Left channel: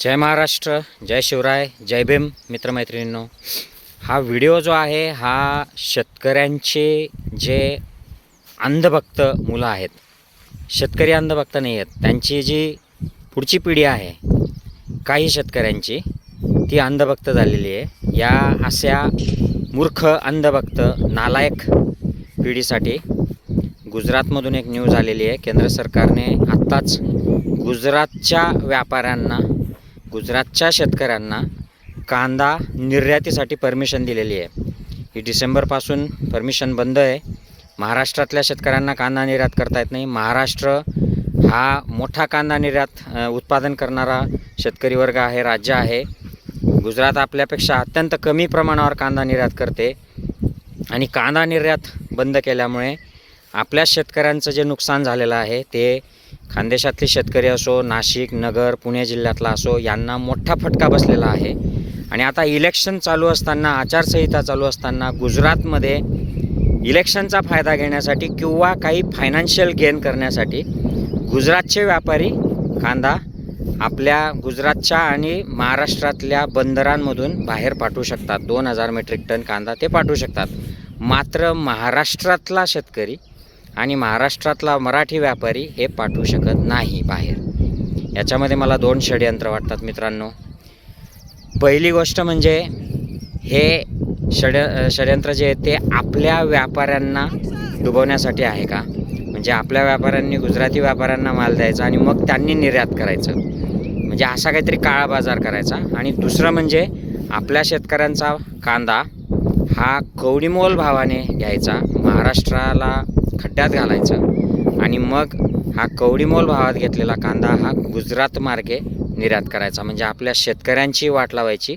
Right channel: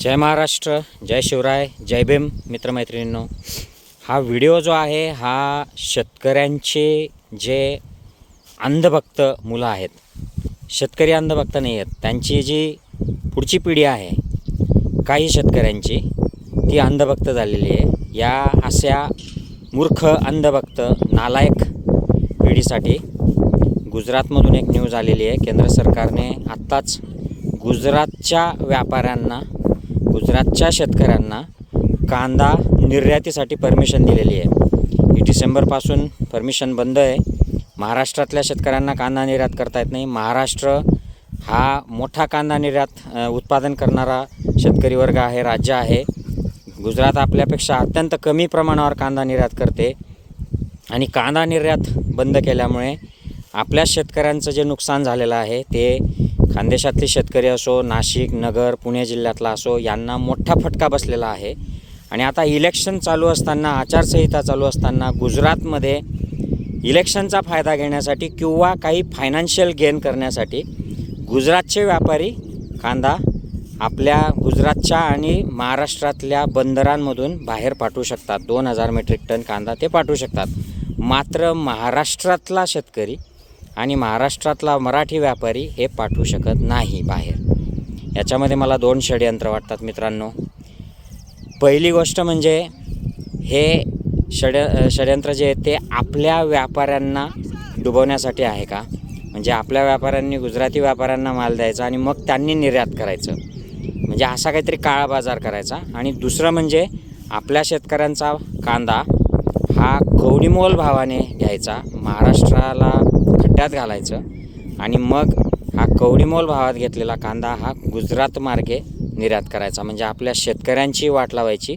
जय महाराष्ट्र जय शिवराय जय भीम मित्रमैत्रिणींनो. हा व्हिडिओ जो आहे हा शेतकऱ्यांचे जे अंधभक्त मुलं आहेत शेतकरी अंधभक्त नाही आहेत त्यांची जी पुढची पिढी आहे काही शेतकऱ्यांची ती अंधभक्त झालेली आहे. या अशा मूर्ख अंधभक्त नालायक पिढीसाठी गुजरातमधून एक न्यूज आलेली आहे. केंद्र सरकारने आत्ताच गुजरातच्या व्यापाऱ्यांना गुजरातच्या शेतकऱ्यांना कांदा निर्यातीसाठी परमिशन दिलेली आहे. ही डिसेंबरपासून परमिशन बंद आहे. महाराष्ट्रातल्या शेतकऱ्यांना कांदा निर्यात करता येत नाही. महाराष्ट्र हा मोठा कांदा निर्यात उत्पादन करणारा शेतकरी वर्ग आहे राज्य आहे. गुजरात आपल्यापेक्षा अत्यंत कमी प्रमाणावर कांदा निर्यात करते. आणि कांदा निर्यात बंद केल्यामुळे आपल्या शेतकऱ्यांचं जे नुकसान झालेलं आहे ते खानदेशातले शेतकरी असो नाशिक नगर पुणे जिल्ह्यातला असो यांना मोठा फटका बसलेला आहे. आणि आता इलेक्शन चालू असताना आचारसंहिता चालू असताना गुजरातमध्ये इलेक्शनचा फायदा घेण्यासाठी किंवा काही फायनान्शियल गेन करण्यासाठी गुजरातचे व्यापारी कांदा आपल्या गुजरातच्या आणि महाराष्ट्रातल्या बंदरांमधून बाहेर पाठवू शकतात. दोन हजार मेट्रिक टन कांदा ते पाठवू शकतात. मात्र महाराष्ट्रातला शेतकरी आणि महाराष्ट्रातला मराठी व्यापारी हे पाठवू शकत नाही बाहेर. याच्यामध्ये मला दोन षडयंत्र वाटतात मित्रांनो. पहिली गोष्ट म्हणजे हे षड षडयंत्र जे आहे ते आपल्या व्यापाऱ्यांना डुबवण्यासाठी आहे का? म्हणजे आपल्या व्यापाऱ्यांनी गुजराती व्यापाऱ्यांना माल द्यायचा आणि मग त्यांनी निर्यात करायचं. म्हणजे असा काहीतरी काळा बाजार करायचा. आणि दुसरं म्हणजे आपल्या शेतकऱ्यांचा कांदा हा कवडीमोल भावाने घ्यायचा महाराष्ट्राला खड्ड्यात घालायचं. आणि मग हा कवडीमोल भावात घेतलेला कांदा हा गुजरात मार्गे निर्यात करायचा. म्हणजे आपल्या शेतकऱ्यांची वाट लावायची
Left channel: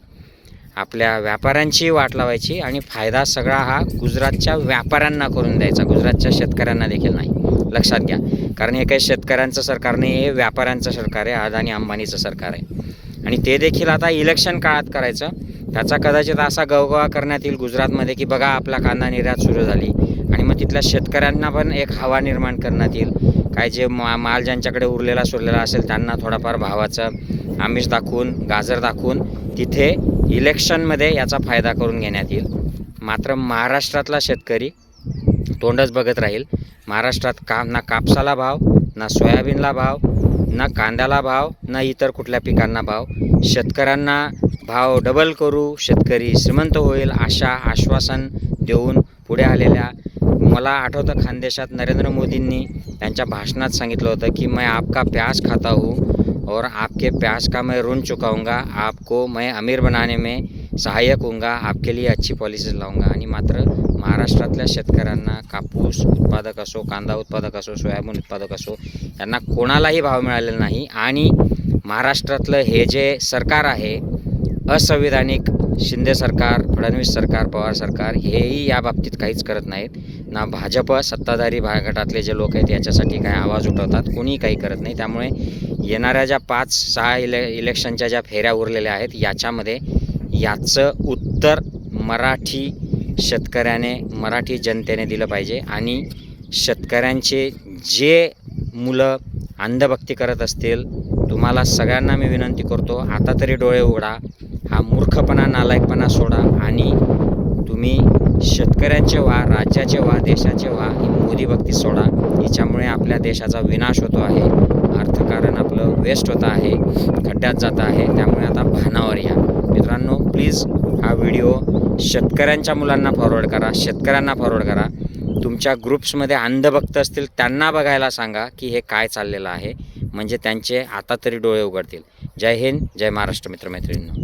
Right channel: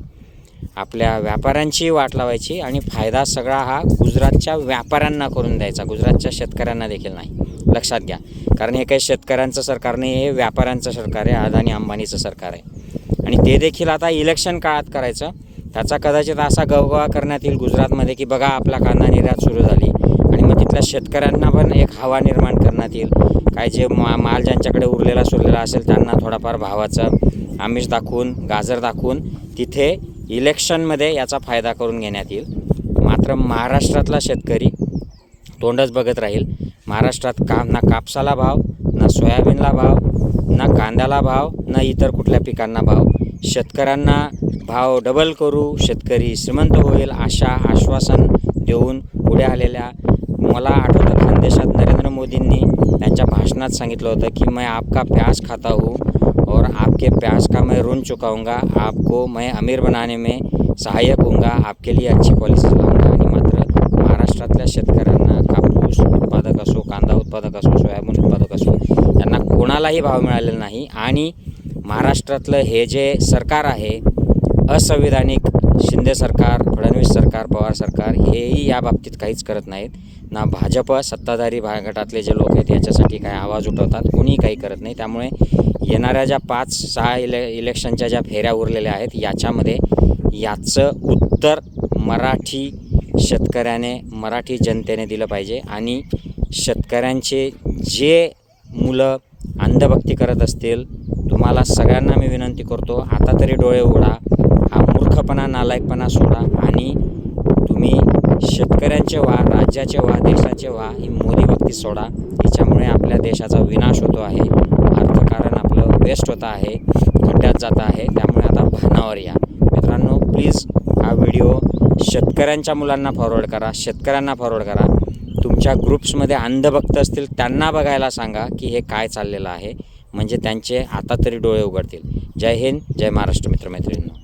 आपल्या व्यापाऱ्यांची वाट लावायची आणि फायदा सगळा हा गुजरातच्या व्यापाऱ्यांना करून द्यायचा. गुजरातच्या शेतकऱ्यांना देखील नाही. लक्षात घ्या. कारण हे काही शेतकऱ्यांचं सरकार नाही हे व्यापाऱ्यांचं सरकार आहे अदानी अंबानीचं सरकार आहे. आणि ते देखील आता इलेक्शन काळात करायचं. त्याचा कदाचित असा गवगवा करण्यात येईल गुजरातमध्ये की बघा आपला कांदा निर्यात सुरू झाली. आणि मग तिथल्या शेतकऱ्यांना पण एक हवा निर्माण करण्यात येईल. काय जे मा माल ज्यांच्याकडे उरलेला सुरलेला असेल त्यांना थोडाफार भावाचं आमिष दाखवून गाजर दाखवून तिथे इलेक्शनमध्ये याचा फायदा करून घेण्यात येईल. मात्र महाराष्ट्रातला शेतकरी तोंडच बघत राहील. महाराष्ट्रात का ना कापसाला भाव ना सोयाबीनला भाव ना कांद्याला भाव ना इतर कुठल्या पिकांना भाव. शेतकऱ्यांना भाव डबल करू शेतकरी श्रीमंत होईल अशा आश्वासन देऊन पुढे आलेल्या मला आठवतं खानदेशात नरेंद्र मोदींनी त्यांच्या भाषणात सांगितलं होतं की मैं आपका प्याज खाता हूँ और आपके प्याज का मैं ऋण चुकाऊंगा आपको मैं अमीर बनाने में सहाय्यक होऊंगा आपके लिए अच्छी पॉलिसीज लावूंगा आणि मात्र महाराष्ट्रातल्या शेतकऱ्यांना कापूस उत्पादक असो कांदा उत्पादक असो सोयाबीन उत्पादक असो यांना कोणालाही भाव मिळालेला नाही. आणि महाराष्ट्रातलं हे जे सरकार आहे असंविधानिक शिंदे सरकार फडणवीस सरकार पवार सरकार हेही या बाबतीत काहीच करत नाहीत. ना भाजप सत्ताधारी भा गटातले जे लोक आहेत याच्यासाठी काय आवाज उठवतात कोणीही काही करत नाही. त्यामुळे येणाऱ्या ज्या पाच सहा इले इलेक्शनच्या ज्या फेऱ्या उरलेल्या आहेत याच्यामध्ये याचं उत्तर मराठी शेतकऱ्याने मराठी जनतेने दिलं पाहिजे. आणि शेतकऱ्यांचे जे मुलं अंधभक्ती करत असतील तुम्हाला सगळ्यांना मी विनंती करतो आता तरी डोळे उघडा. मूर्खपणा नालायकपणा सोडा आणि तुम्ही शेतकऱ्यांचे व्हा राज्याचे व्हा देशाचे व्हा ही मोदी भक्ती सोडा. हिच्यामुळे आपल्या देशाचा विनाश होतो आहे. अर्थकारण आपलं वेस्ट होतं आहे खड्ड्यात जातं आहे. त्यामुळे आता भानावर या. मित्रांनो प्लीज हा व्हिडिओ शेतकऱ्यांच्या मुलांना फॉरवर्ड करा शेतकऱ्यांना फॉरवर्ड करा. तुमच्या ग्रुप्समध्ये अंधभक्त असतील त्यांना बघायला सांगा की हे काय चाललेलं आहे. म्हणजे त्यांचे आता तरी डोळे उघडतील. जय हिंद जय महाराष्ट्र मित्रमैत्रिणींनो.